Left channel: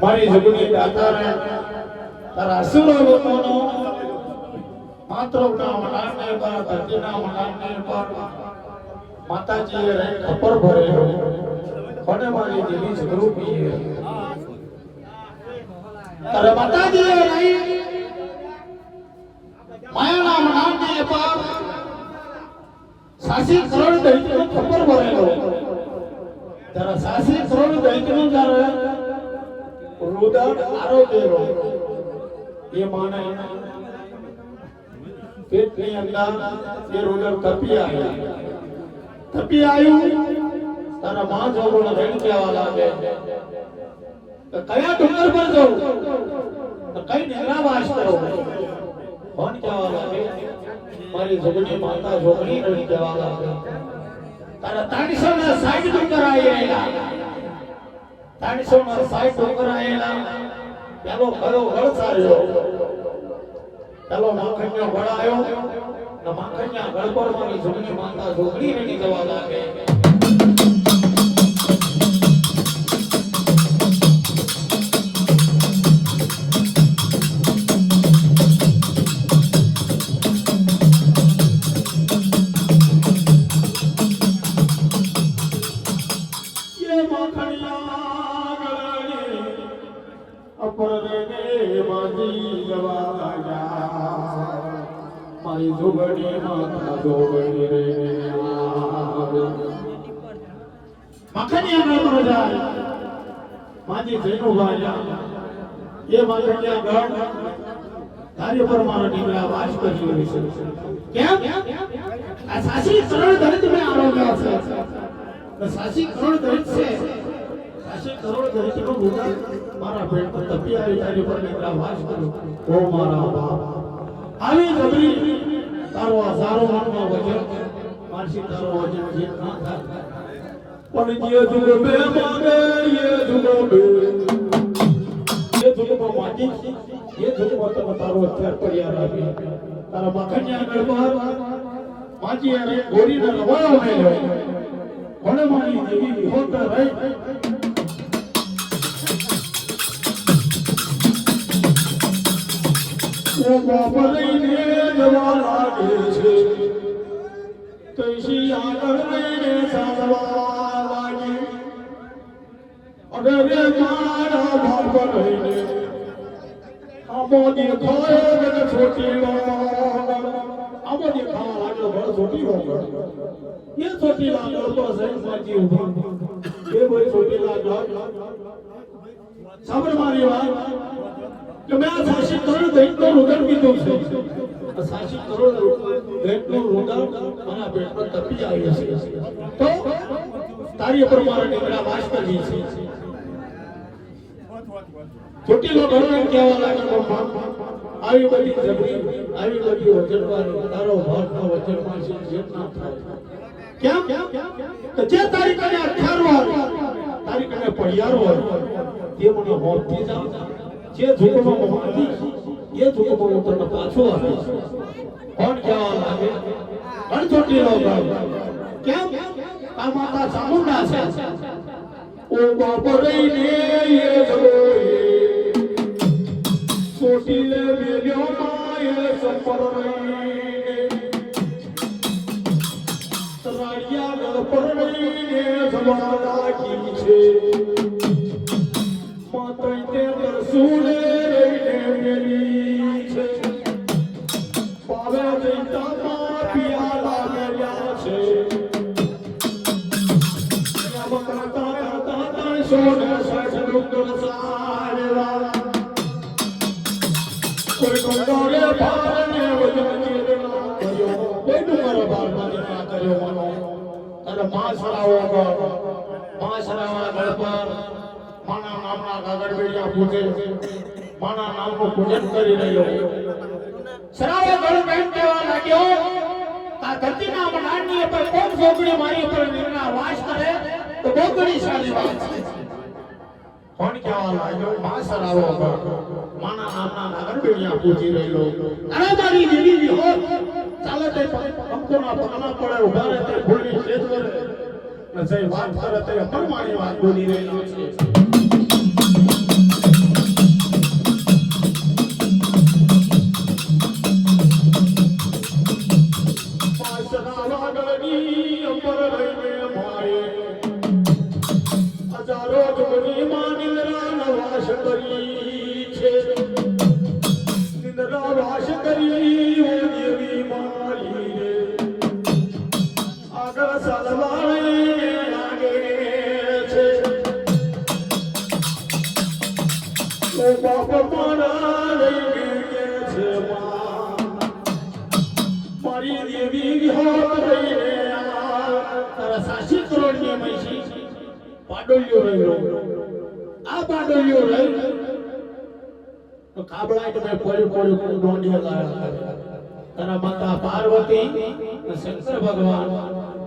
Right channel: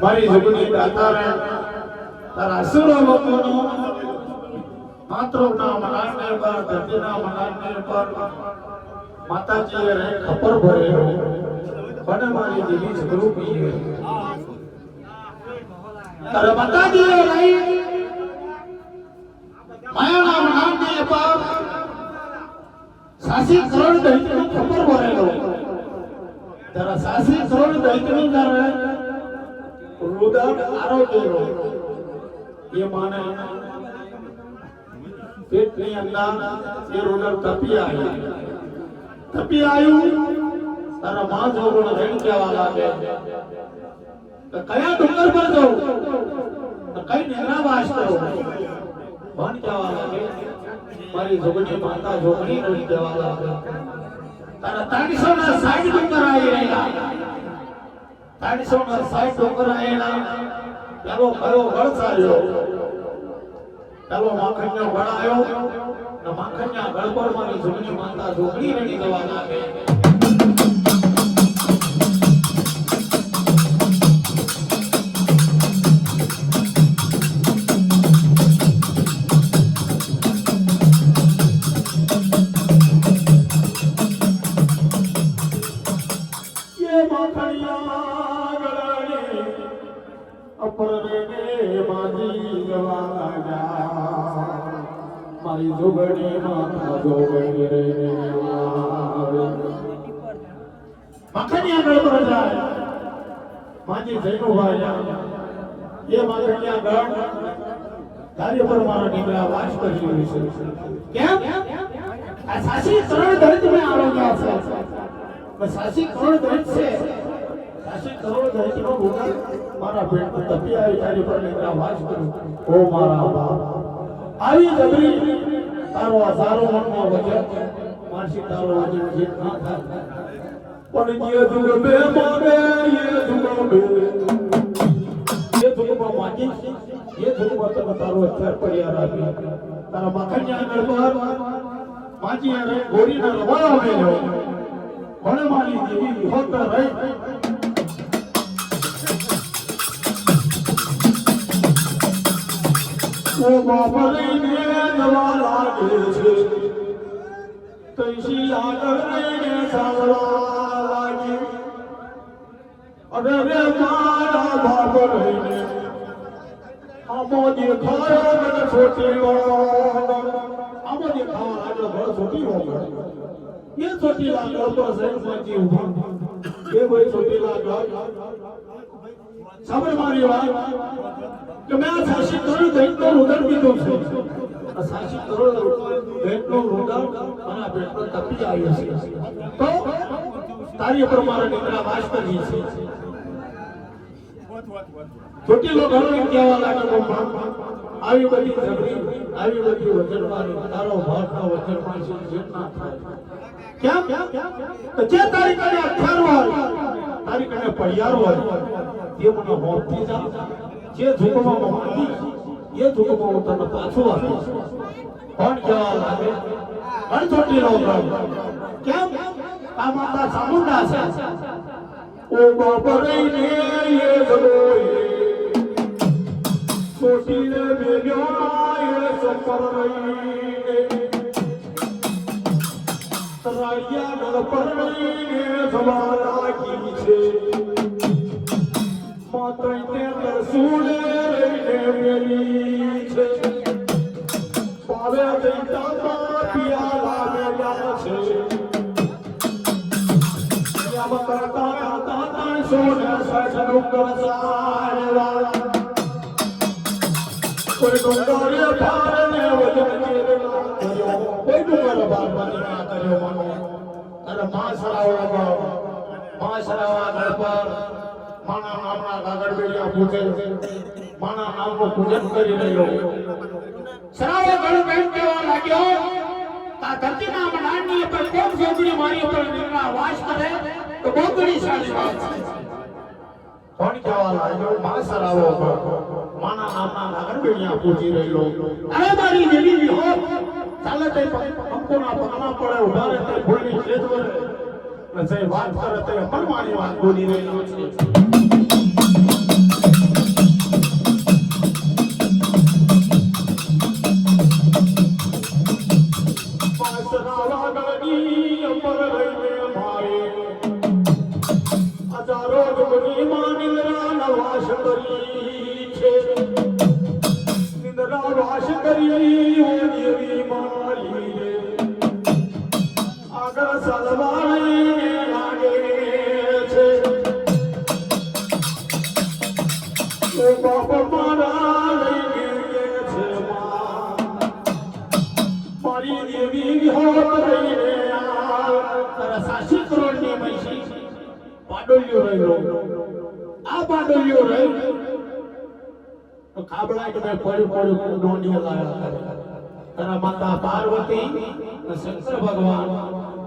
મારી જગની દાતારે તારા અસુરો લોકોનો માતૃના મનાને પર ધરતીના મનાને પર માતાજીએ રહી ખબર ભરેલો પણ મારી જેવી સ્વરૂપી તારે માતાજીએ રહી માયાના મનાને પર સાસી કરોડ દૈત્યનો ખબર ભરેલો તારા સાસી કરોડ દૈત્યનો કરે રુદન આરોગ્ય એ માને પેટની અંદર એ રુદન તપી આવ્યું તારા માં જોગણ રેણ કેવા લાગે તો કયા ડુંગર પર જવું તો કઈ નિગ્રાવાસ કરો ભણ કેવા લાગે મારી જોગણી માતા જોગણી રેણ કેવા લાગે તારા 360 ડુંગર આયેલા 360 ડુંગર આયેલા પેલો કયો ગળ સાર્યો પેલો માખણિયો ગળ આવ્યો ને માખણિયા ગળ પર મારી જોગણી માતા જોગણી રેણી જવા લાગે મારી જોગણી માતા જોગણી રે માખણિયા ગળ પર જાય માજી જૈનુભાઈ એ માખણિયા ગળ કાર્ય પર મારો નીકળ્યા વાસ કરી છે કેમ આ સાસી કરોડ દરિદ્ર મે આરોગ્ય છે સાસી કરોડ દરિદ્ર છે સાસી કરોડ દરિદ્ર નો ગુણ મારા પેટ પર તપી આવી કાર્ય પર નીકળ્યા વાસ કર્યો ઓ મારા બાપ આવી જબરી તારો આ સારો મનમાં વજન માસી તારો વજન જે ના થાય પણ જે જુગ બે માગે એ જુગ બે એ જુગ માજી એ જુગ તને તારો અત્યાર પડ્યા રાખી તારો મખણિયા ગળબાર માજી અને ગોરીનો રવાળો મેલ્યો ભલે મારી દેવી હોતા રહી ઓ બાપરી ને જવા લાગે છે તૈસી આગળ ને સાવળા લાગી અરે રે મારા બાપરી આમો દેખાયો ને છોટી આમો દેખાયો બળ છોટી હોગા ये छोटी लाल तो सही माजी उभा ये वही छोटी लाल साबर मारी बात कि मैं शासित करूं देख तो उधर की तो शासित करो देख तो उधर आना पेट पर तपी आई है तो तारी पर मारा निकला वास कर दी थी छोटी लोग घर में क्या वाला को આવી બધી જબરી આવી બધી વચનવાળી તારો ભાગનો વચનમાં છે જેટલા થાય કેમ તો જે તારી કને અક્ષર હોય તારી કને પડિયાર હોય તે મને હોપથી જા જે જુગમાં મોહતી એ જુગમાં તને પાછું આપે કોણ કહેવા લાગે ઘણ છોટી નો કેમ આ માતા ચામુંડા છે ઓ બાપરે ને એ જગોઈ છોટી લે મેલ્યો ના એ સંપર રહી રાડિયા ન પરણીને જવાના કી છે માતોય તે દસુડે રહીને મેલી છે પાવે દૈતા પિયા લાગ્યા છે યાબ કરતા કરતા સોને સાસુ કરસારેલા કોઈ ડોંગરે પારને વજનની કોઈ ડુંગર બારબાની ના કર્યો મનો અને માસરાવા ગળ પર માના નામના ગાગડબેડિયા પૂજે માના નામનું પૂજન કરી રહ્યો સરાવે ગળ બેન કહેવા લાગ્યો આ ધરતીના મનાની પર કોણ છોકરી મારી ઉપર નિર્ણા વાસ કરે તો બોગડી સારી વાત છે કોણ કહેવા લાગ્યો માસરાવો માના નામના ગાગડબેડિયા પૂજી રહ્યો અરે મારી દેવી હો ચાલે તે પંખોના પગના પડે ઉભા રહે તે ભૂલી છેદ વરે ને જે વાત કરે તે પરમાણી વાત બોલી રહ્યો છે પાસના લાગણી અંબર રહીને મારે હજારો જમની માનિલરા નવાશ કરી છે નિંદરા વાશ કરી દેવી મારી રે આગળ સલવાળે લાગે છે ઓ બાપ મારા લઈ ગયે છે મારી દેવી વિહોર રહીને તારા સાસી કરોડની મૈસી પાડોલ્યો રહ્યો આ પાડોલ્યો રહ્યો તો કાબળા કે પડી ડોંડી લાયા તારા માતા પાર્વતી અને શંકર ભગવાન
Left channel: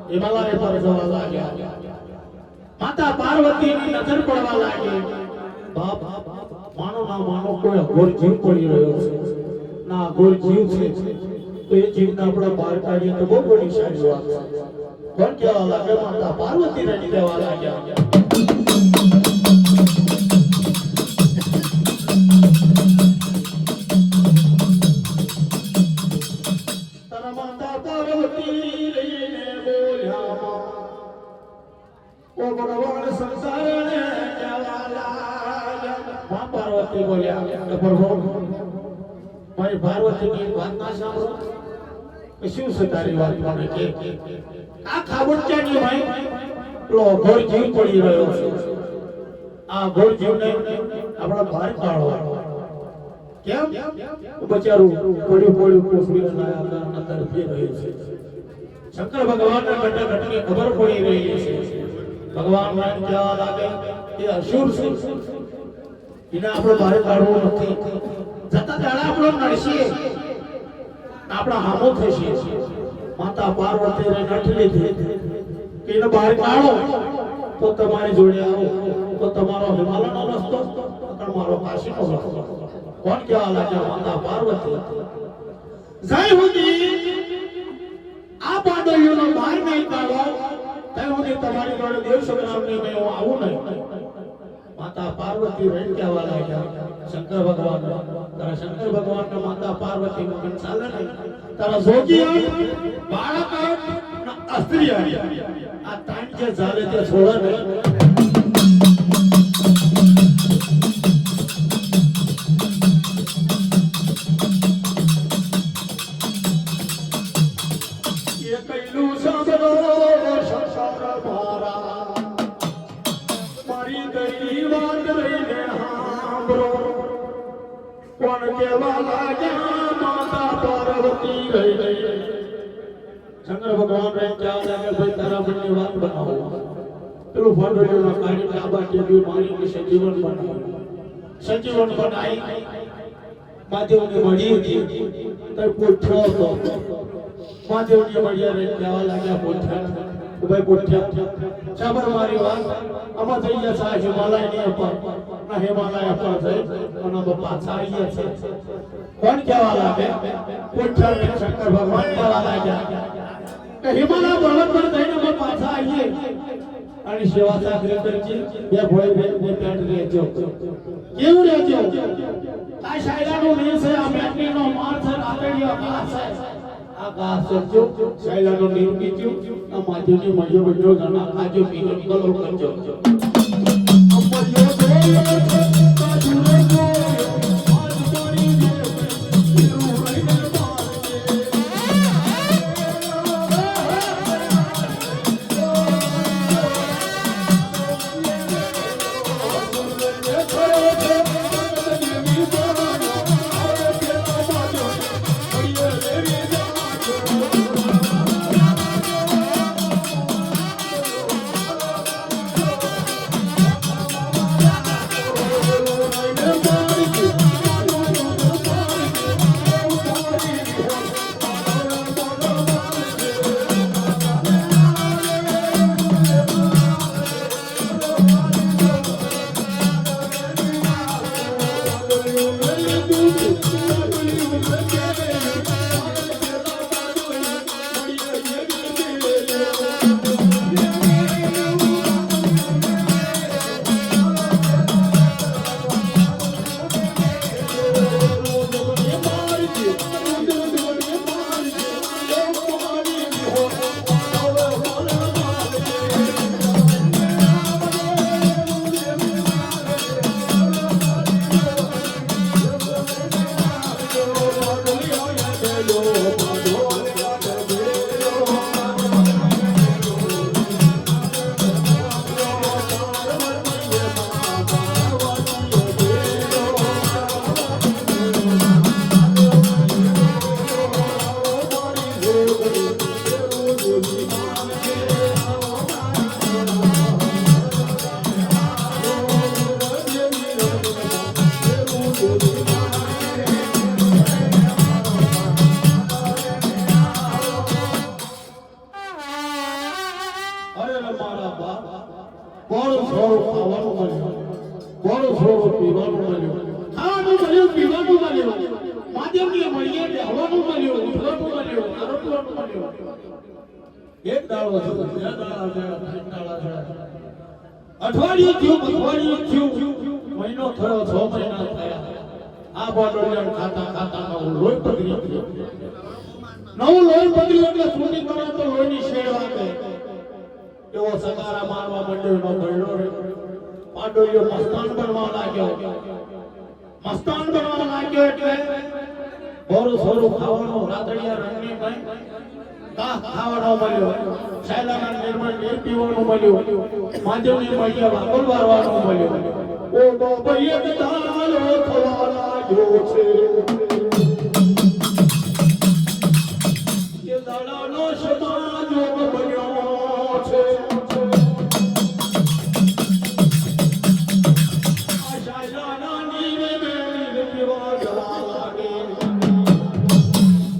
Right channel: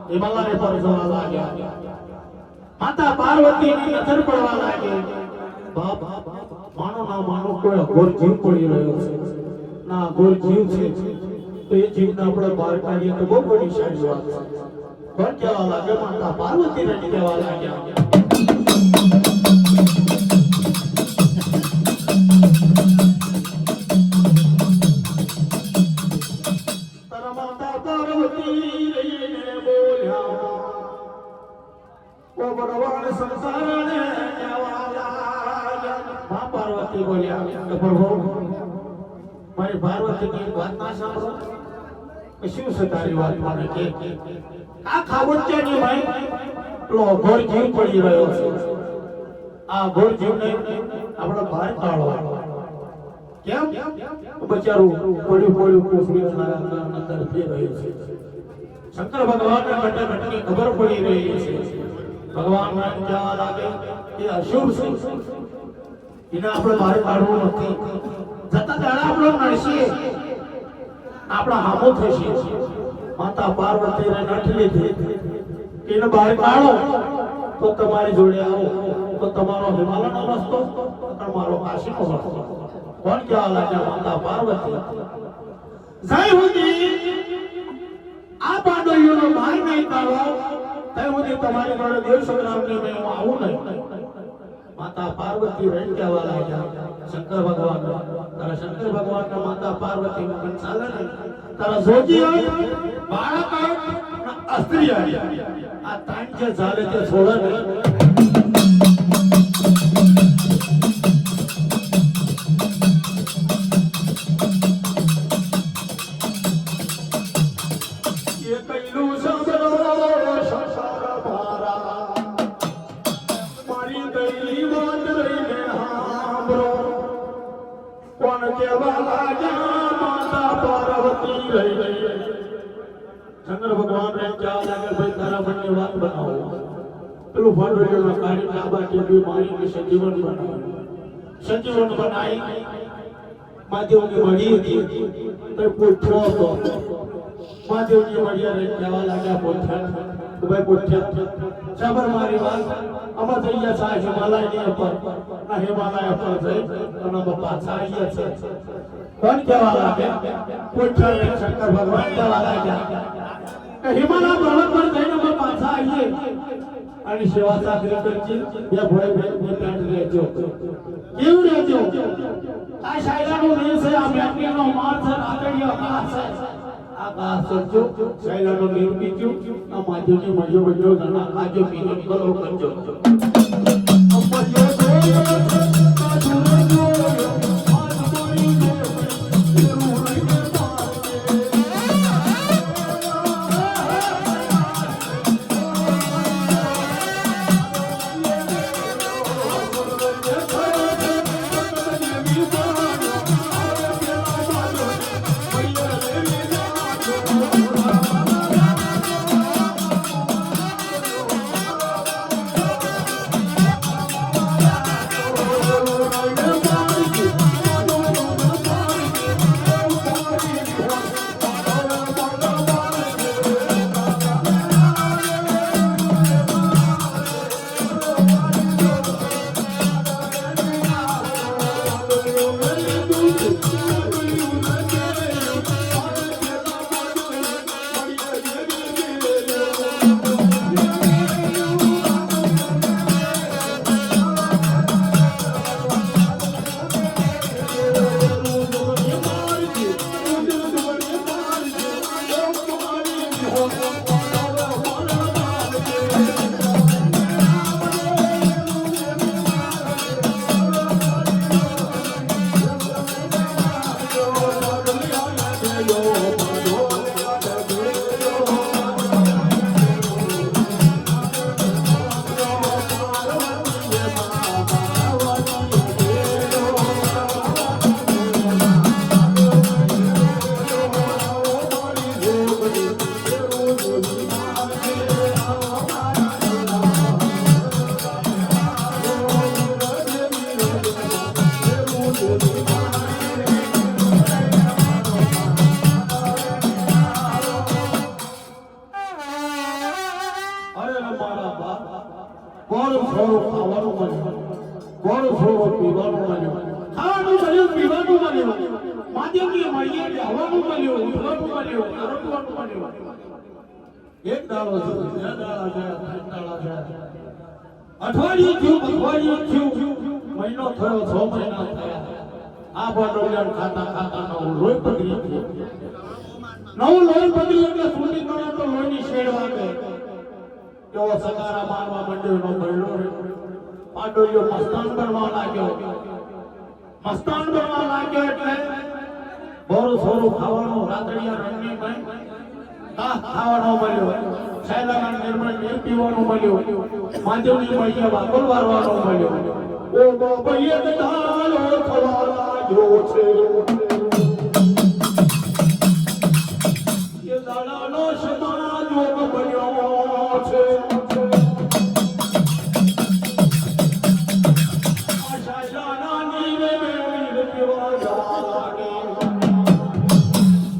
હિમાલય પર જવા લાગ્યા માતા પાર્વતી ની નજર પડવા લાગી બાપ માનો ના માનો કોઈ ઘોર જીવ પડી રહ્યો છે ના ઘોર જીવ છે તો એ જીવને આપણે બહાર કાઢીએ તો બહુ બધી સારી વાત છે પણ કહેવા લાગે માતા પાર્વતી ને કહેવા લાગ્યા પાર્વતી બોલ્યા પ્રભુ મારી પાર્વતીની વાત ના સાંભળો શું છે તારી વાત મને કે આ ખાબોચિયાની ભાઈ પેલો ઘોર જીવ પડી રહ્યો છે આ ઘોર જીવને આપણો બહાર કાઢો કેમ બચારું પડ્યું કોફડીના અંદર ફેર રહ્યું છે શંકર ભગવાનને ઘટે ઘટે ખબર પડી રહી છે ભગવાન એમ કહેવા લાગે કે અશુભ છે એને આપણે બહાર કાઢવું નથી જતા દાડા આપણો નડશે આપણા હામો થશે માતા પાર્વતી ને નઠલી થઈ એનો બહાર કાઢો તો તમારી જોડે આવો તો તમારો હિમાલયનો રસ્તો તમારો કાશીનો રસ્તો કોણ જવા લાગ્યા માતા પાર્વતી જય હુદી આ પાડોયોનો બહાર નહીં કાઢો ત્યાં હુદી તમારી જોડે દેવ સંગ્રામની મેં આવું નહીં માતા પાર્વતી વેણ કહેવા લાગ્યા શંકર ભગવાન તારા શંકર ભગવાનના માતા પાર્વતી નું ચાલે નહીં તારા જોગી હોય બાળક હોય અસ્ત્રી હોય આ તાણ જે ચાલે તે છોડે નહીં શંકર ભગવાન ને ક્યાં લાગે ભાઈ તારા મનની વાત બનાવો પેલું ભરવેલો કાઢી ડાબા ટેબી મારી સજીવન બનાવ્યું સજીવન બનાવી મહાદેવની મળી હતી તો પૂછ્યો હતો મહાદેવની મળ્યા રે કહેવા લાગ્યા પૂછ્યા ભાઈ પૂછ્યા સબર મારી વાત આમાં થઈ ગયા છે હિમાલયની ઉપર ના હિમાલય ઉપર જઈ અને પાછા આવ્યા છે કોણ કહેવા લાગે પૂછ્યા શંકર ભગવાન કહેવા લાગ્યા કે હિમાલય પર્વત પર જઈને અમે પાછા આવીએ અને સેવા ચાકરી કરજે બે ભાઈ બે પેટ રહેજો કેવું રહેજો આ શાયરાનો દેશ છે આ બેટરીનો માર છે આકેડીનો ઘાસ છે આ ઘાસ કરજો શાયરાનો દેવ બીજો આ માધ્યની મળ્યો બધો જણા આજો બીજો કરો કરજો અઠવાડિયું મહિનો થયો 6 મહિના થયા આ બોડોલિયન ખાતા ખાતા લોહી પગડી નવું લોહી પગડ્યું એટલે સુની કરે તો લોહીની શેડ વાગે કેવો સગારા મારવા માંડ્યો નો ભયડો રે પાડોલિયો મસ્તાન બનવા લાગ્યો એટલે બોરો સોરો ખાવાનો રાતડિયા રણની નહીં ખાવાનો મળ્યો સાયલાના નિર્મળ નીર પીવાનો મળ્યો મહાદેવની મૈયા વાગોર વારવાનો મળ્યો ઓ તો ભૈયા કદાલો થવાના જો છે કે દાડાનો સમાજ બન્યો છે આશાના નીરે પીવા લાગે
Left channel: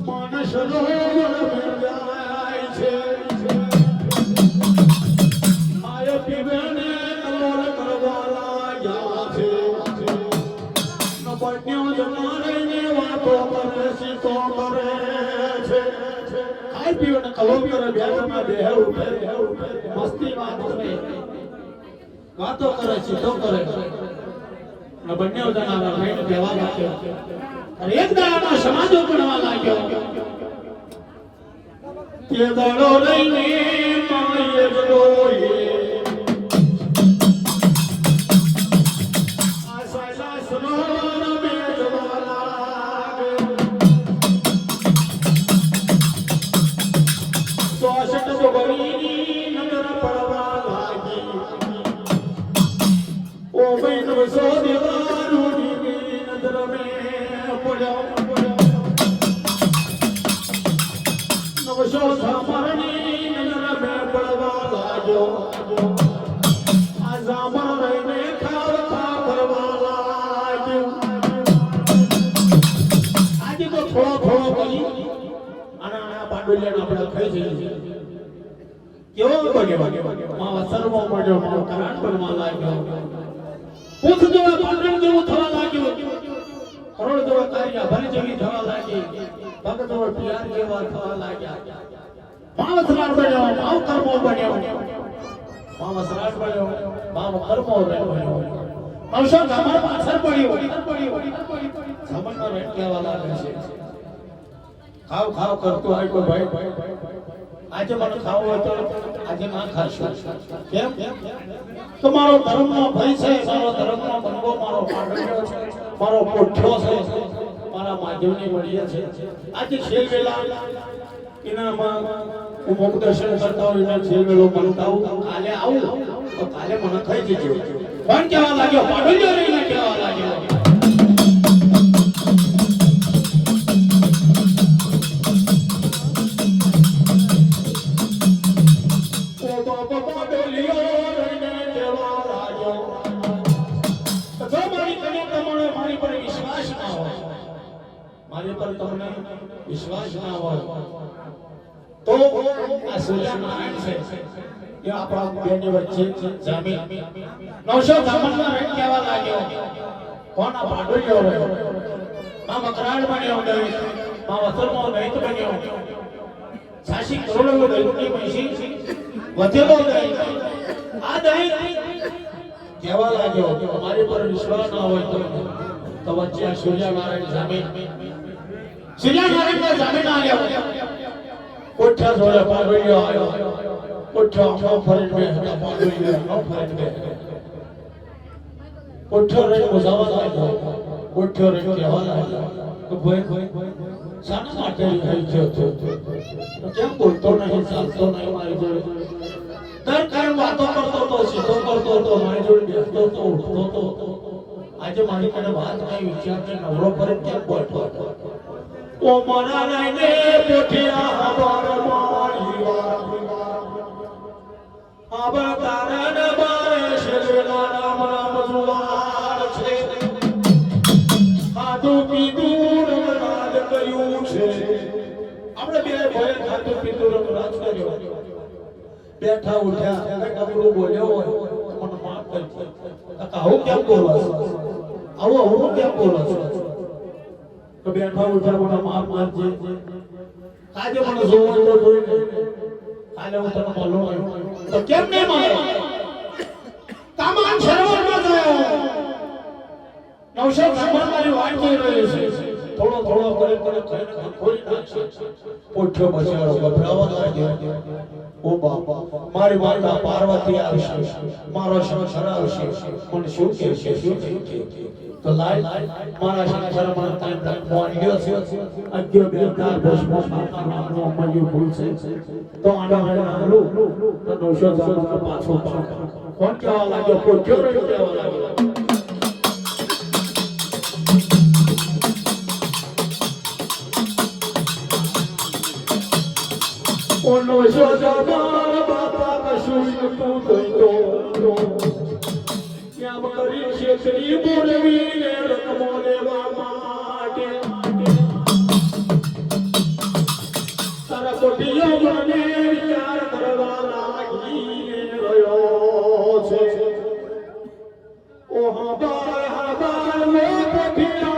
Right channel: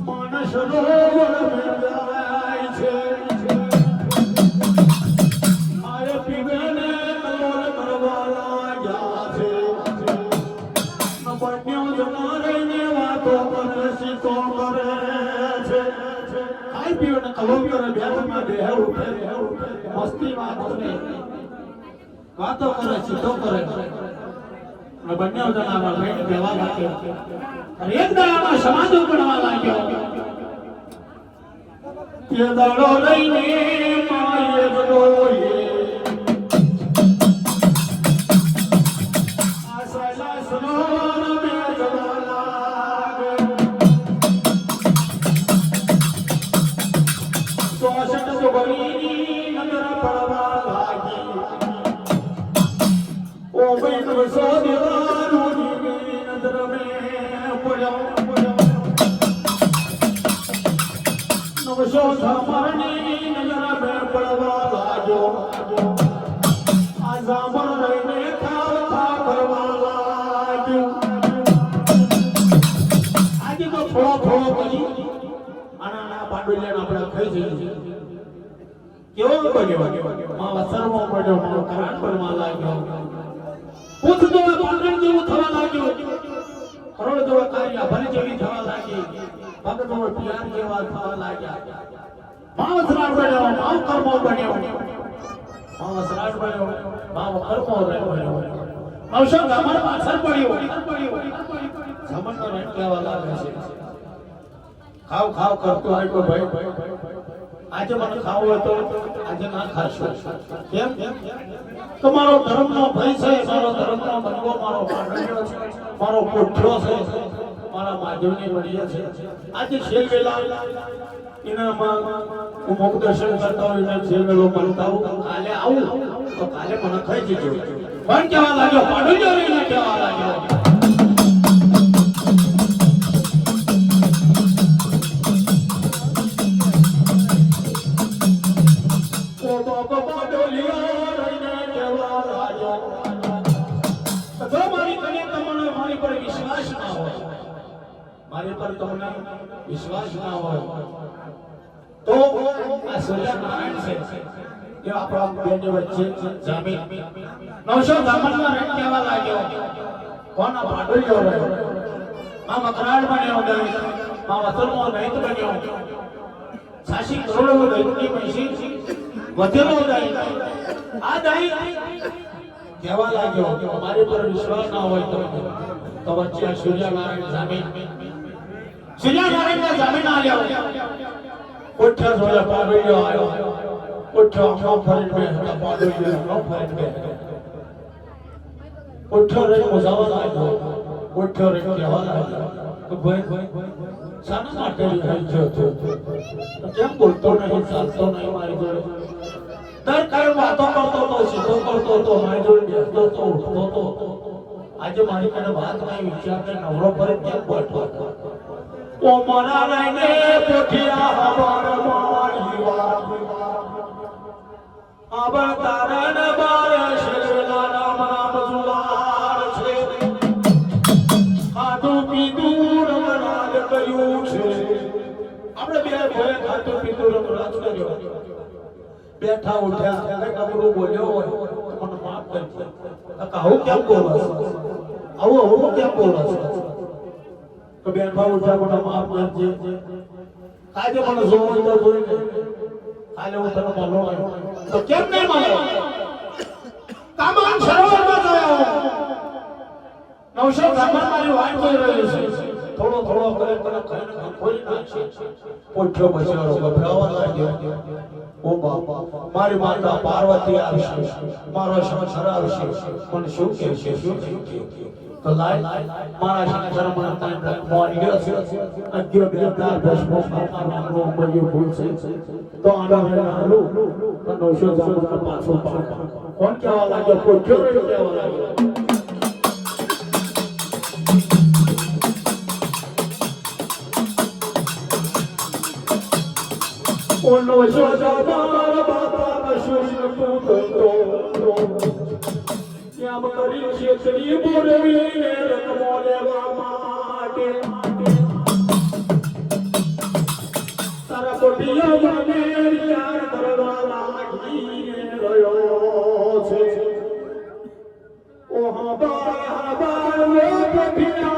માનસ સરોવર મેળવાય છે આરે પીવેને કમર કરવાલા ગયા છે નબન્યો જનારેની વાતો પરસી તો કરે છે આઈ પીવેને કલમ કરે બેઠમાં બેહે ઉઠે મસ્તી વાતો નહીં વાતો કરે સીધો કરે નબન્યો જનાવર નહીં કહેવા લાગ્યો અને એક દાડામાં સમાજો ગણવા લાગ્યો કે દાડો લઈને માએ જોઈ આશા શાસનોર મે જવા લાગે સોસટ જોગરીની નજર પડવા લાગી ઓ બહેન સો દેવારોની નજર મે પડ્યો નવસો ઝામરની નજર મે પડવા લાગ્યો આ ઝામર રહીને ખાવ ખાવ કરવા લાગ્યો આજે તો થોડો કરી આના બાંડોલિયાના આપણે ખાઈ જઈએ કેવો બન્યો માં અસરમાં પડ્યો માં કરાટ કરવા લાગ્યો પૂછતો પાંડણ જેવું થવા લાગ્યો કરોડ જેવો કાર્ય ભલે જેવી થવા લાગી ભગતો પિયાર જેવા થવા લાગ્યા માવસરાટ બન્યો માવ કર્મો બન્યો માવસરાટ બન્યો માવ કર્મો બન્યો નવસો ગામર પાછળ પડ્યો સમજનો રેટ લેવા લાગે છે ખાવ ખાવ કરતો હોય તો ભાઈ આજે મને ખાવું હોય તો આજે ના ખાશો કેમ તમારો ધર્મનો ભય છે મારો ધર્મનો બંગો મારો પાડ્યો છે મારો કોઠો છે મારા માધવની મળ્યા છે આજે છેલ વેલા એનામાં હું મુખ દર્શન કરતા હોય એટલે છેલ વેલો બનતા હું કાલે આવું તો કાલે મને ખાઈ જજો પણ કહેવા લાગ્યો પાડ્યો રહીને કહેવા લાગ્યો મારી પર તમને વિશ્વાસ ના હોય તો આ સૂર્યનારાયણ છે એ આપણા બેની વચ્ચે જમીન 956 માં રેટ કહેવા લાગ્યો કોના પાંડુલિયો રહ્યો આ મકરાળ બન્યો દઈ આ વસલનો દૈત બન્યો સાસી કરોડો દૈતની પૈસી વધેલો દઈ આ દઈ કહેવા લાગ્યો મારી પર વિશ્વાસ ના હોય તો વચ્ચે સૂર્યનારાયણ જમીન સૂર્યનારાયણના જમીન આવ્યો કોઠા જોડે પાડ્યો આવ્યો કોઠો આખો ફરી બે પાડ્યો આખો ફરી બે કોઠો રે મુસાવા લાગ્યો કોઠો રે કહેવા લાગ્યો તો ભાઈ શાના માટે થઈ ગયો તો કેમ બોલતો નહીં ચાલતો નહીં મારી જોડે દર કાળ વાતો કરતો તો સીધો કરતો તો મારી જોડે બેસતો તો ઉઠતો તો આજે મારી કને વાત આવી વિચારને નવરો પર કેમ બોલતો ઓ મારા લઈને પોઠિયા હબર મારી વાત આબર તારણ બારે શેલા રામ રામ જુવાર છે ખાધું પીધું રમરાજ કર્યું છે આપણે બે ભાઈ ખાધું પીધું રમરાજ કર્યો બેઠા ઉઠ્યા કે કબરો બોલ્યો હોય મને માફ કરજો કાકા હું કેમ બોલો આવું કેમ બોલો તો બેઠા ઉઠ્યા મને માફ કરજો કાજે મને જોવો તો બોલ કાલે હું તને મળો તો કેમ નહીં મળો કામન સરોવરમાં ગયો 956 મારી વાત કરી રહી છે થોડો કરે ખોલી નાખશે પોઠ્યો બચારો ગભરાવા લાગ્યો ઓ બાપા મારી માતા પાર્વતી આવશે મારો સંસાર આવશે પણ શું કહેશે તો લાય મારા સંસાર પર ટાઈમ મોરી ગયો છે અગિયો બેટા દશમો માતાનો મળ્યો ભૂલ છે તો આનો હાલો તો 956 પાછો કોણ કહેવા લાગ્યો પોઠ્યો કહેવા લાગ્યો Ono joga mara bapa kashui kuto Yam kari shekri bolvi le rakmole va mate પોઠિયો મને વિચાર કરવા લાગી રહ્યો છે ઓ હબાર વે પોઠિયા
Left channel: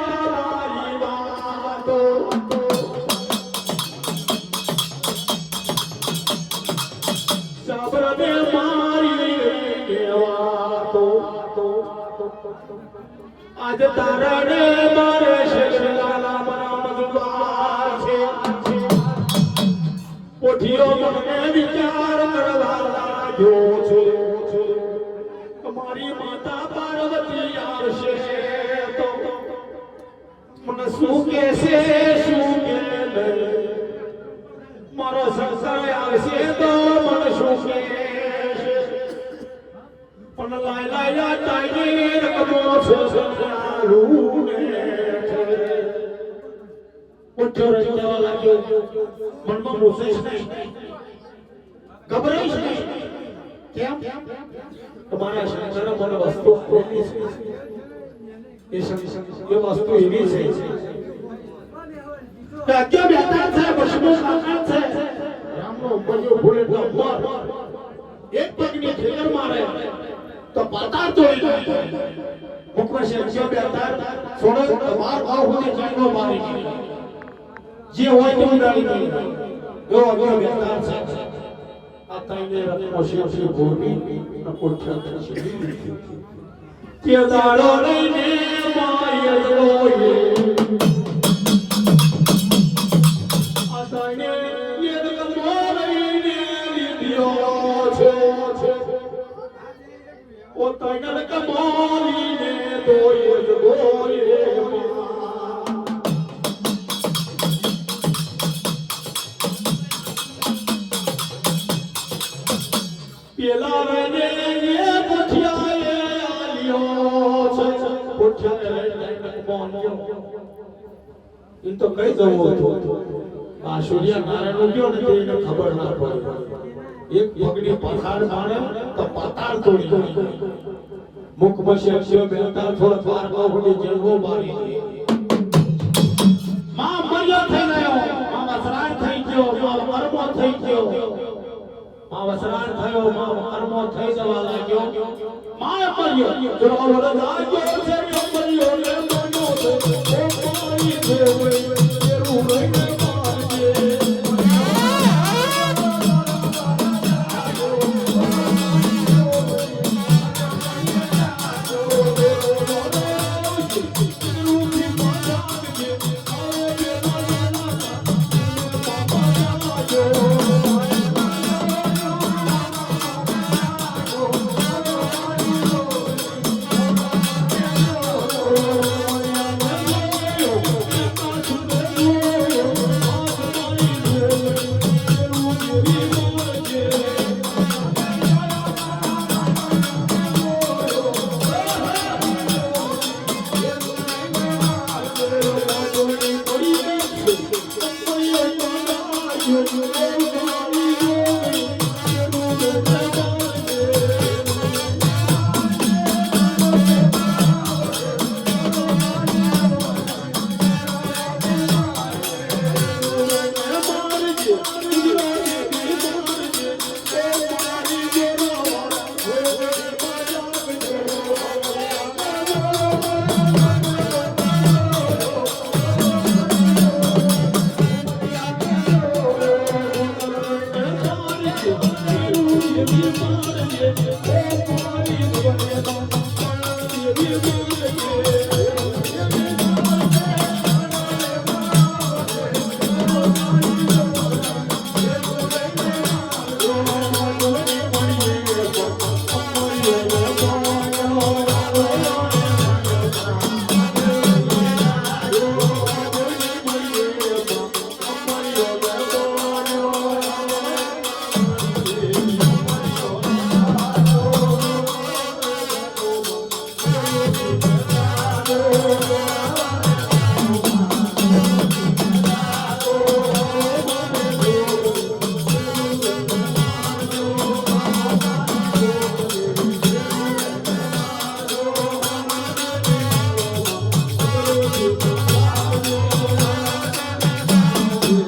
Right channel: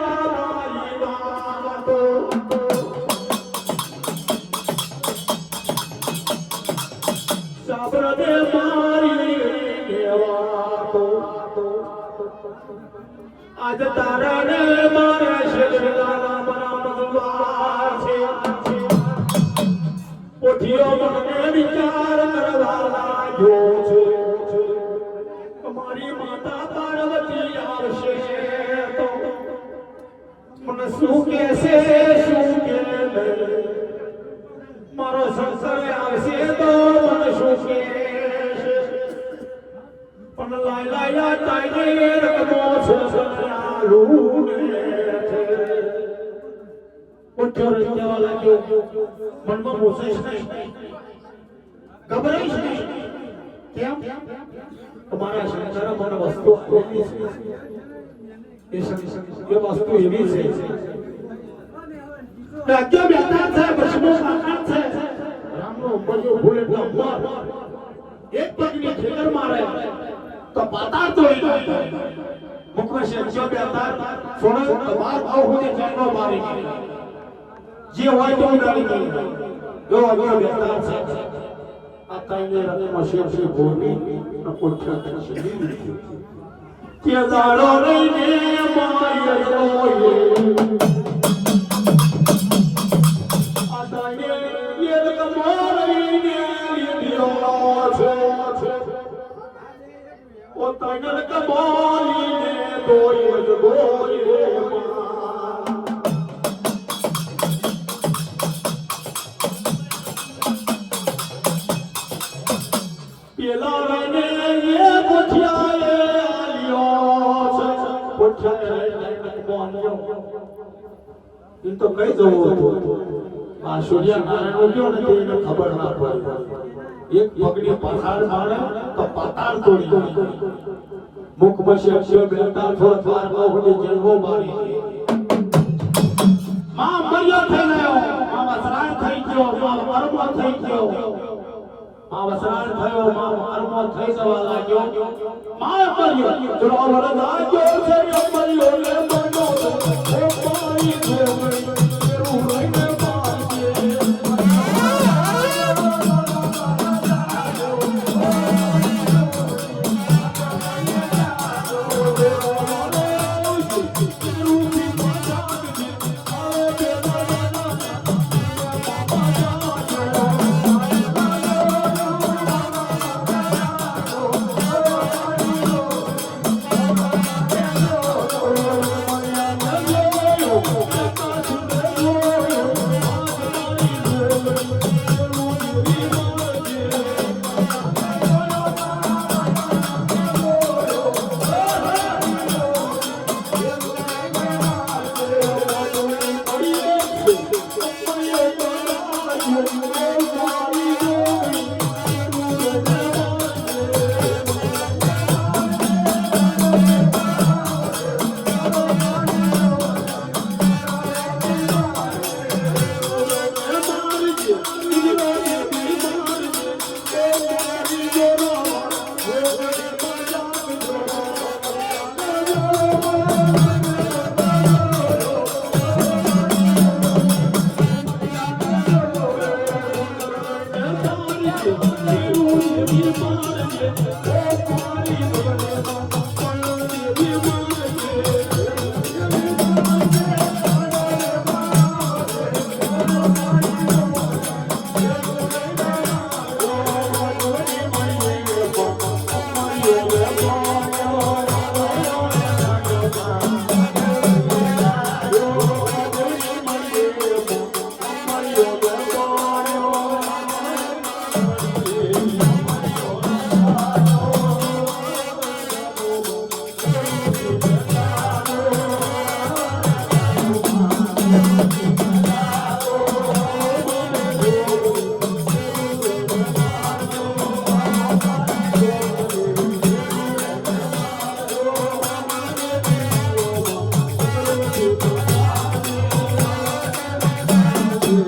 સાબરને મારી કેવા તો આજ તારણે મારે શેષલાલા બરાબર છે પોઠિયો મને વિચાર કરવા લાગ્યો છે તમારી માતા પાર્વતી આવશે તો મને શું કહેશે શું કે મારો સંસાર આવશે તો મને શું કહેશે પણ લાયલા તાઈને રકમો છે પોઠિયો રજવા લાગ્યો મનમાં રોષાઈશ નહીં ગભરાઈશ નહીં કેમ તમારા સંસારમાં મને વસ્તુ આપેલી છે એ વસ્તુ એવી છે કે અજ્ઞા બેઠા છે વસ્તુ સામાન છે રામનો ઉપરનો ભૂલ એટલા હુઆ એક પગની ખેતર મારે તો પાતાળ તોડી નાખે મુકવા છે અજ્ઞા બેઠા સોને બાર ભાવ સુધી જન્મ મારી જે હોય તે ઉડાડી દે જો અજ્ઞા બેઠા છે આ તાઈને રત્નો શિવસી ભૂમિ પોઠિયો છે કે દાડો લઈને માર્યો આ તાઈને એ કમાઈને લીધો છે ઓ તાઈને કમાઈને દોય પેલા રને એ પોઠિયાએ આલ્યો છે પોઠિયાએ બોન્યો ઈ તો કઈ દઉં હતો આ સૂર્ય નારાયણ ગયો ને તેને ખબર ના પડી એક પગની પથાર મારે તો પાતાળ તોડી નાખ્યો મુખ બસે અક્ષય બેટા થોડા દ્વારમાં હોજે જીવો મારી માં મર્યો થઈ ગયો માં વસરાણ થઈ ગયો માં અરમો થઈ ગયો માં વસરાણ થયો માં અરમો થઈ જવા લાગ્યો માં મર્યો જો વરદ લાગ્યો છે મર્યો ને મનો ઓ પાઈ છે ઉરઈને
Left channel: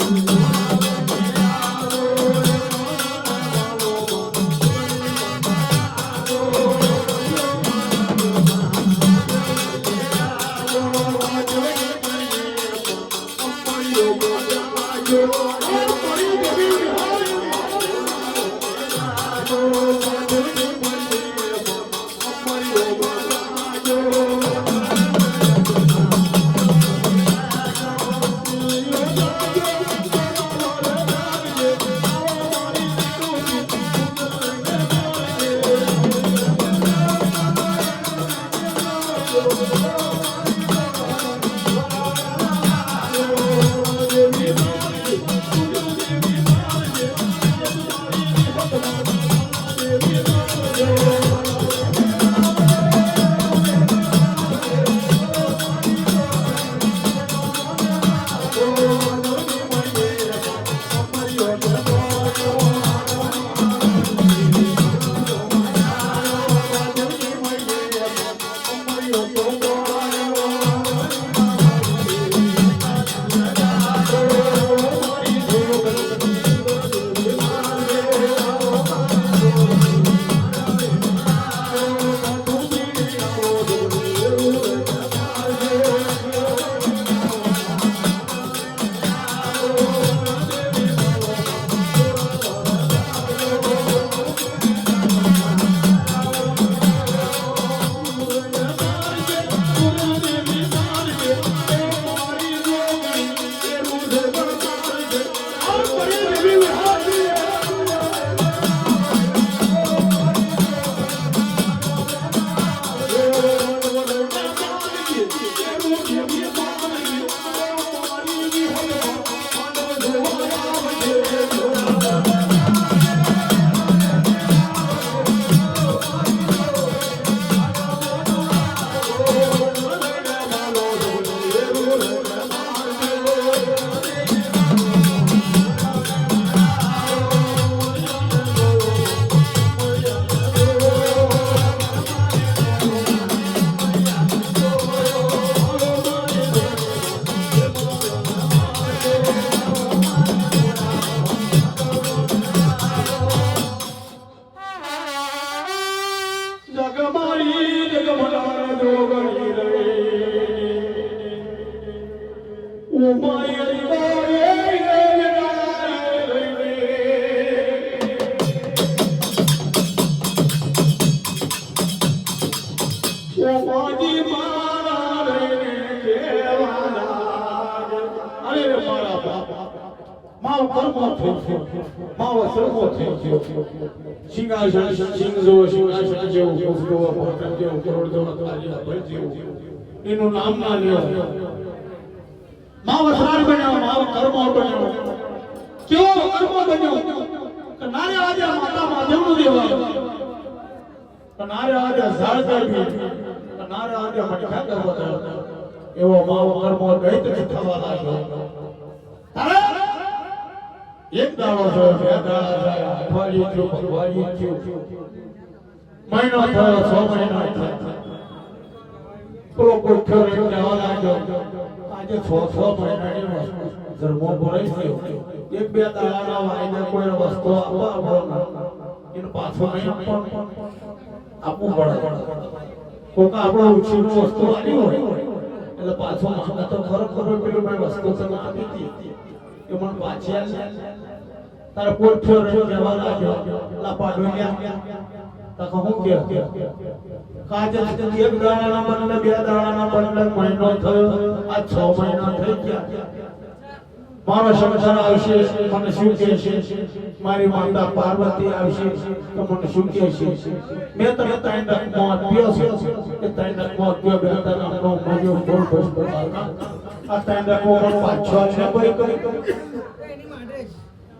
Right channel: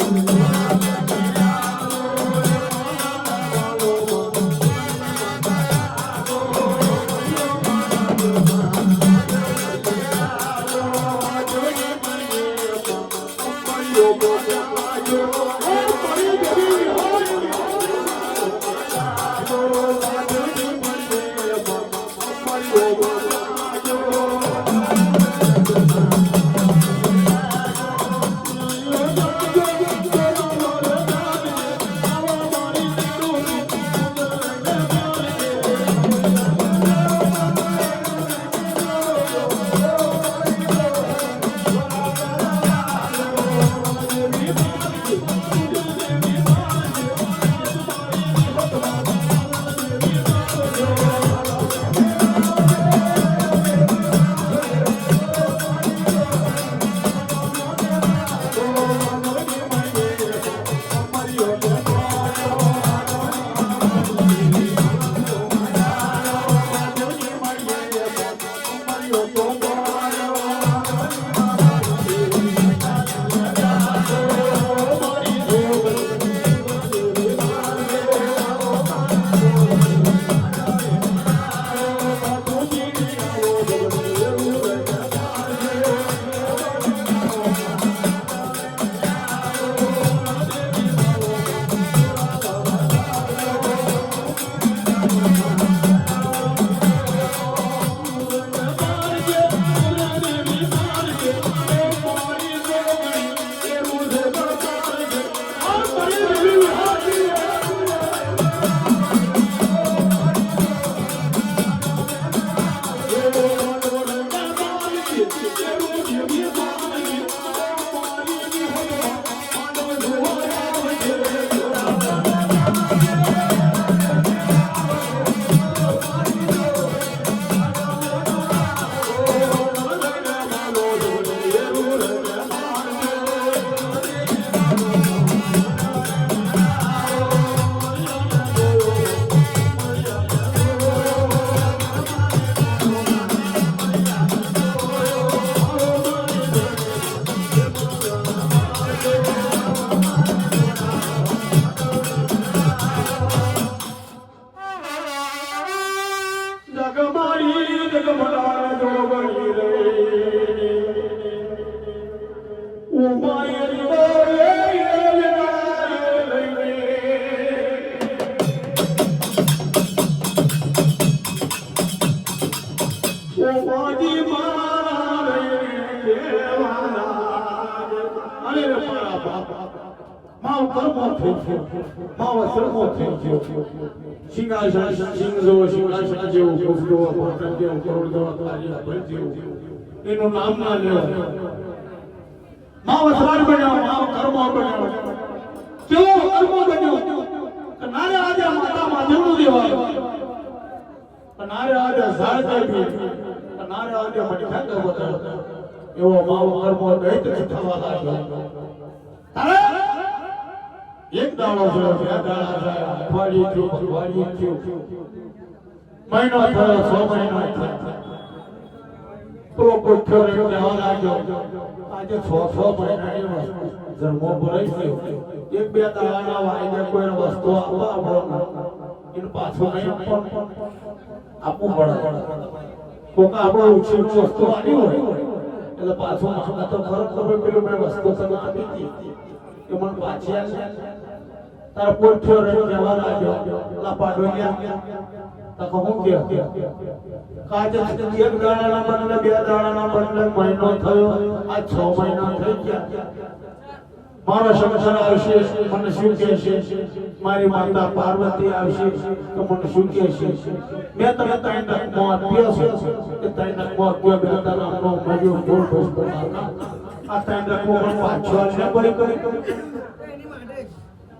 Thank you. માવ કર્મો થયો માવ શ્રમો થયો સિંહાસન સિંગજો સિંહાસન જેવું કુસદો પટન જેવું કરોડદો અતવારિયા ભર જેવું એનું નામ ના લ્યો માવ શ્રાર બન્યો માવ કર્મો બન્યો કેવો કર્મો બન્યો કે નારે આજે માતા માધવનું દેવા નારે આજે ઝાડ દેવી નારે આજે મઠા કરવો એવો માવ કર્મો દૈત થવા લાગ્યો તારે એક દાડો છે બે દાડા છે અઠવાડિયું થયું મહિનો થયો 6 મહિના થયા પેલો કોઠ્યો રહેવા લાગ્યો આજે 6 મહિનાની જન્મો ભરાઈ ગયો એક બે દાડાના વાયદે કોઈ વસ્તુ આપવા એને પાછો નહીં આપવું પડે કોક આપણો ઉછીનું વસ્તુ આવ્યું હોય એટલે પાછો આપણે તો ખરેખર પેલું બે વસ્તુ સગત એ મને પાછી તારા કોઠ્યો રહેવા લાગ્યો લપાડો તકો હું કે કાજે એક દાડાના બદલે બે દાડાના બદલે મહિનો થયો આ 6 મહિના થઈ ગયા મારો સંસાર આવશે મને શું કહે છે મારી માતા પાર્વતી આવશે તો મને શું કહે છે મેં તો ત્રણ તક મોત પીયો છે એ ત્રણ તક મોત પીયો બેટા નામનો મજો બોલ બોલ આ ત્રણ તક મોત પાછો છે કોઈ કરી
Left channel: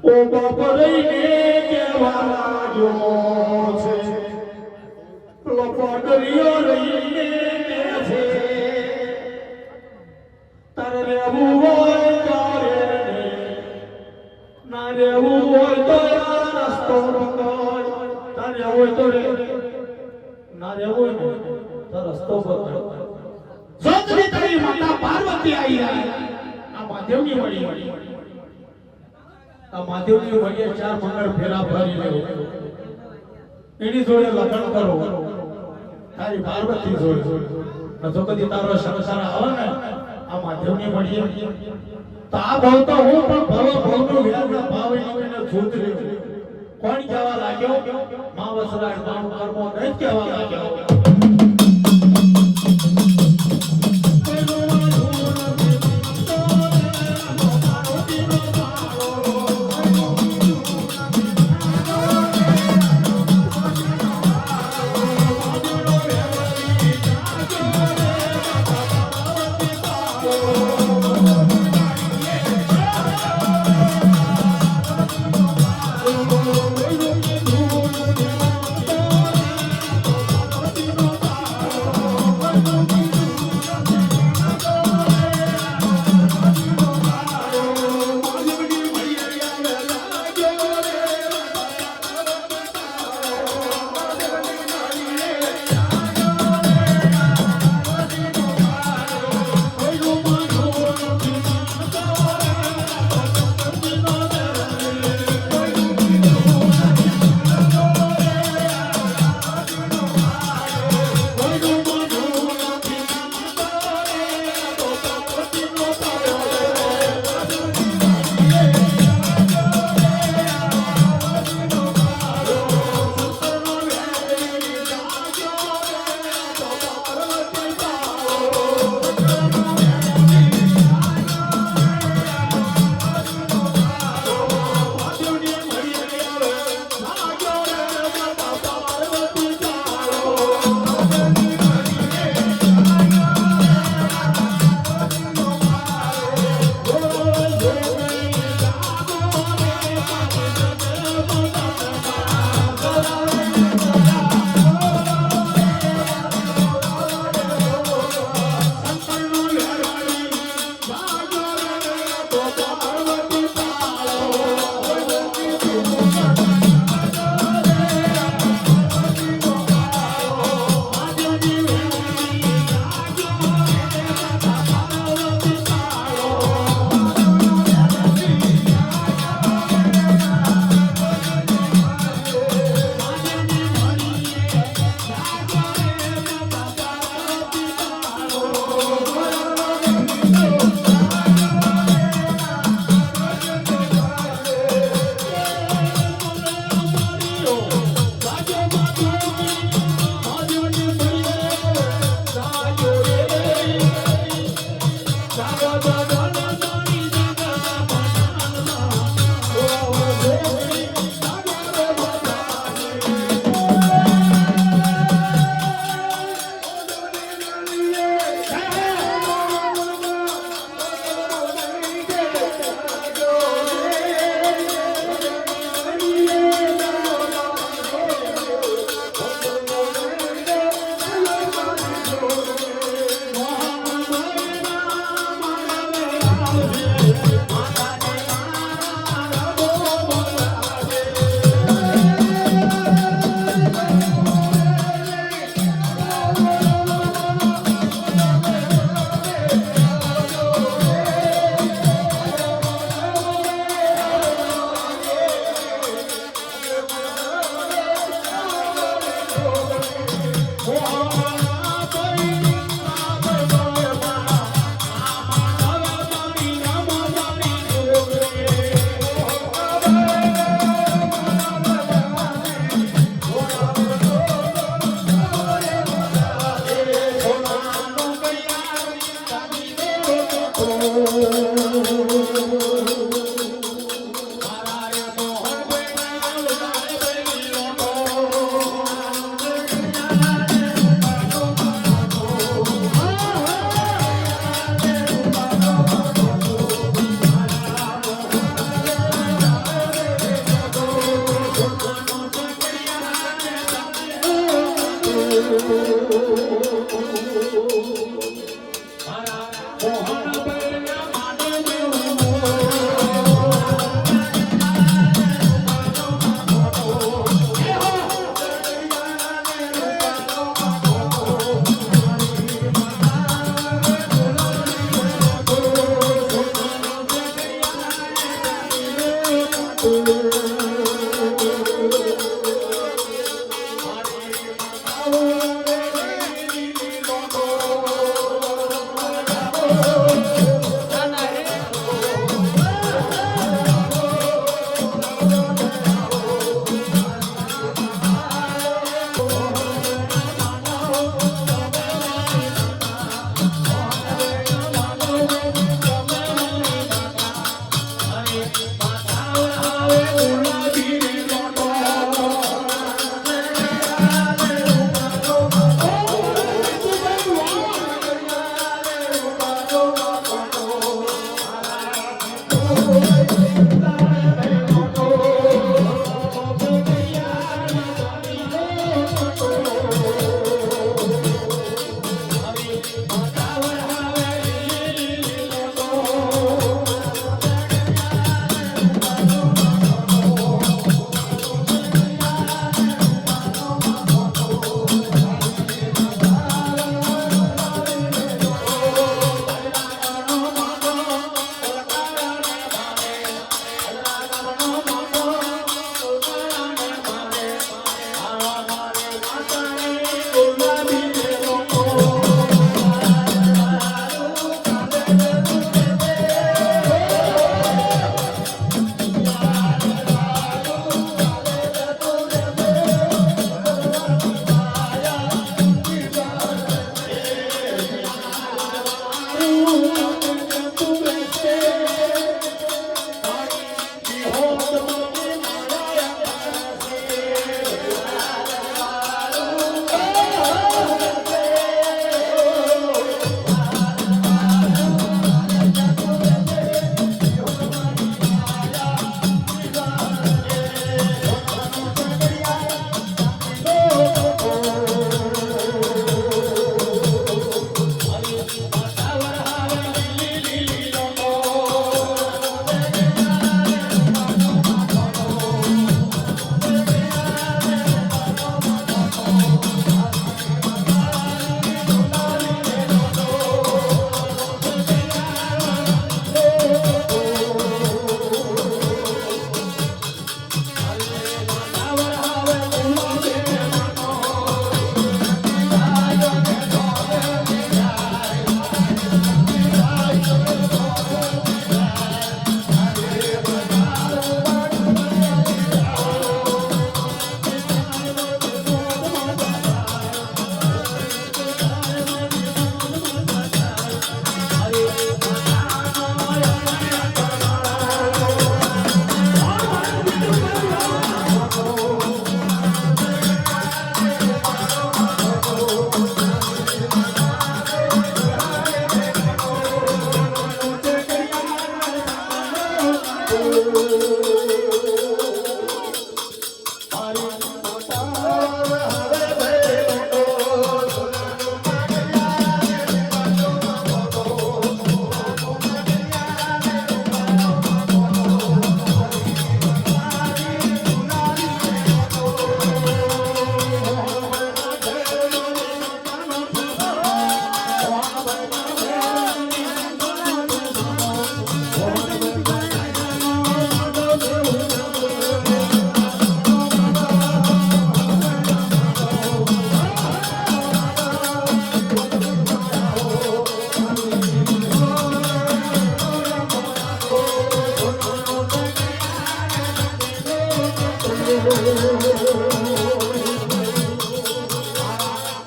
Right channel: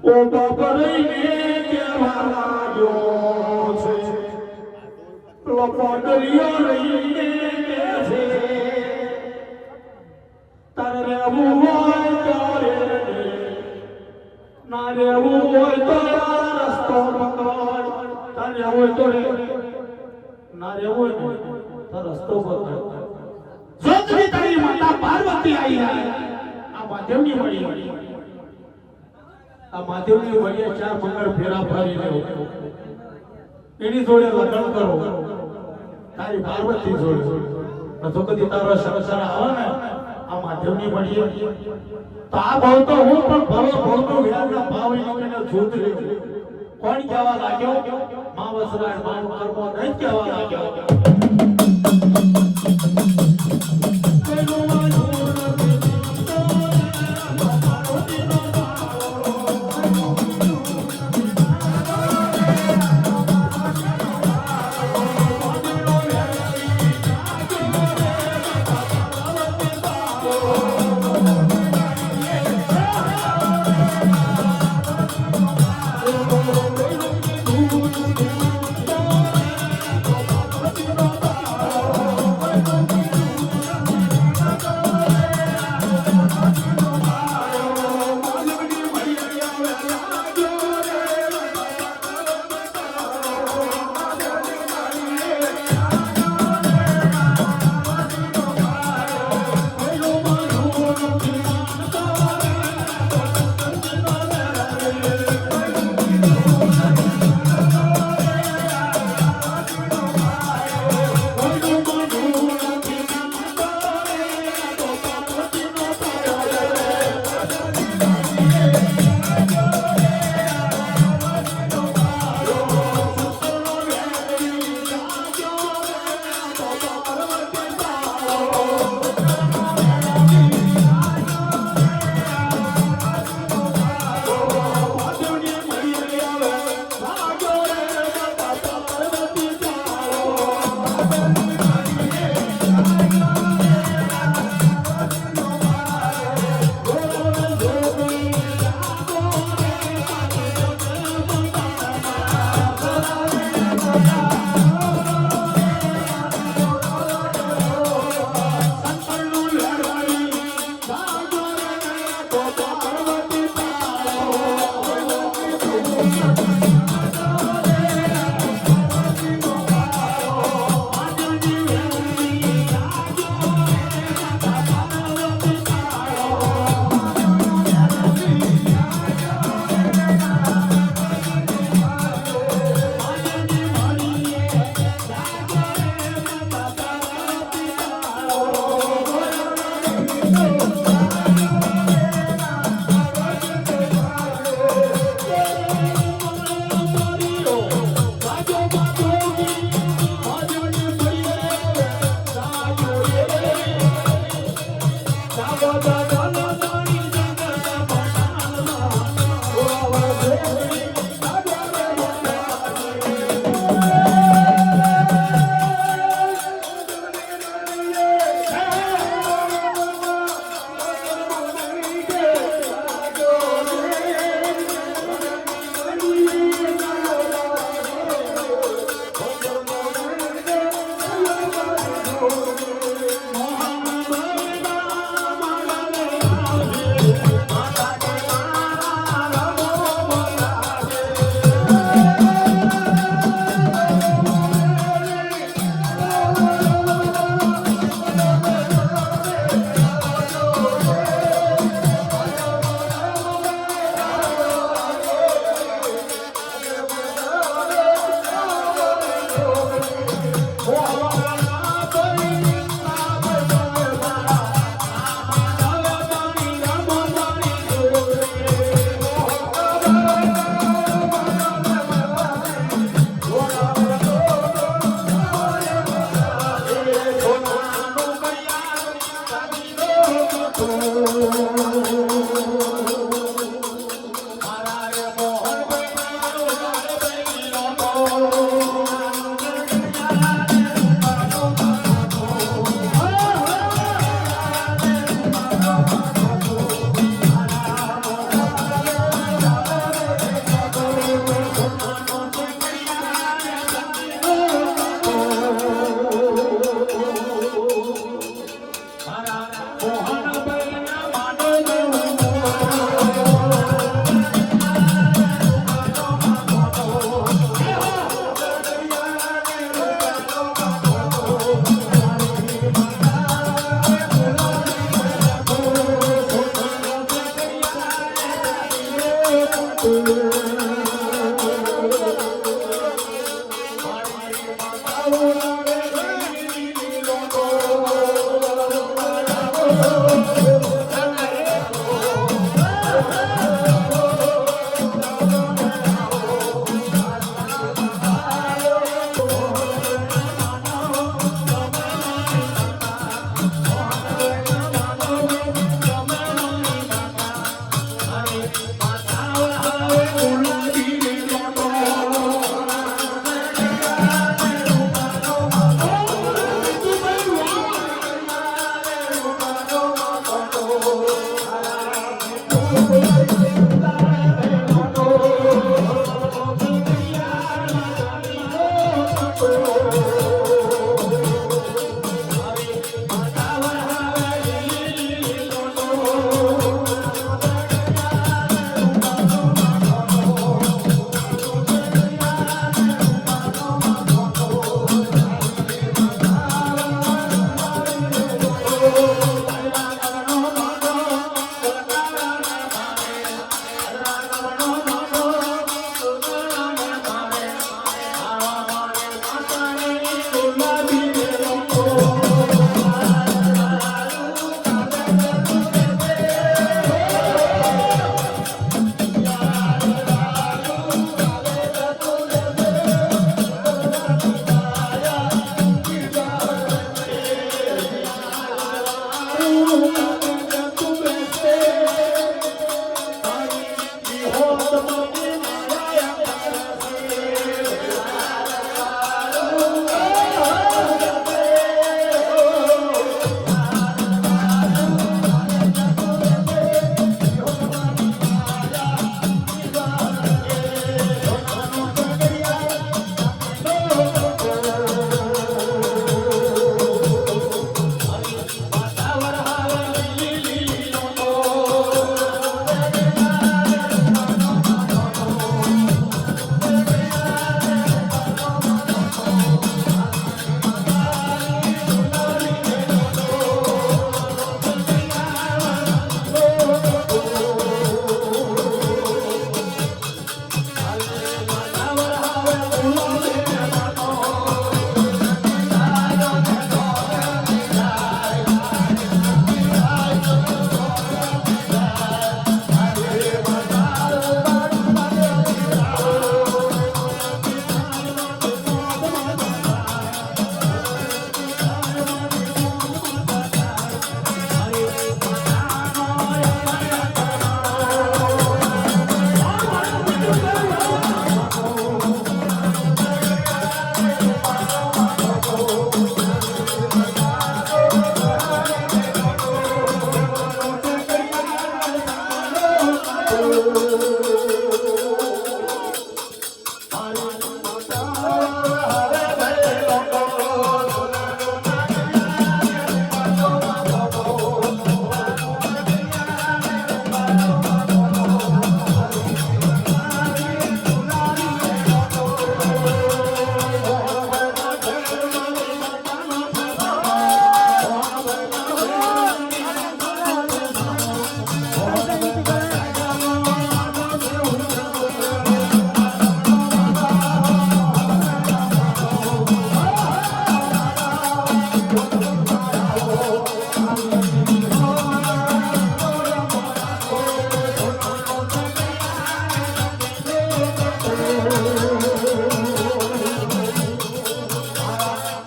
ઓ બાપરીને કેવા લાગ્યો છે લોકોડરીઓ રહીને છે તારે રહેવું હોય તો રે ના રહેવું હોય તો રસ્તો પકડ તારે રહેવું હોય તો રે ના રહેવું હોય તો રસ્તો પકડ જોતરી તારી માતા પાર્વતી આવી આ માધવની મળી આ માધવની વડીએ 4 મંગળ ફેરા ફરી લેવો એની જોડે લગ્ન કરો તારી પાર્વતી જોડે તો કદી તારો સંસાર આવે ને આ માધવની વડીએ તો આ ભાવ તો હું પણ ભાવનો વ્યાજના ભાવ એને જોત રે કોણ કહેવા લાગ્યો માવસરાજ માવ કર્મો નહીં કહેવા લાગ્યો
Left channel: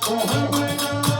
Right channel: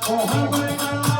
Oh,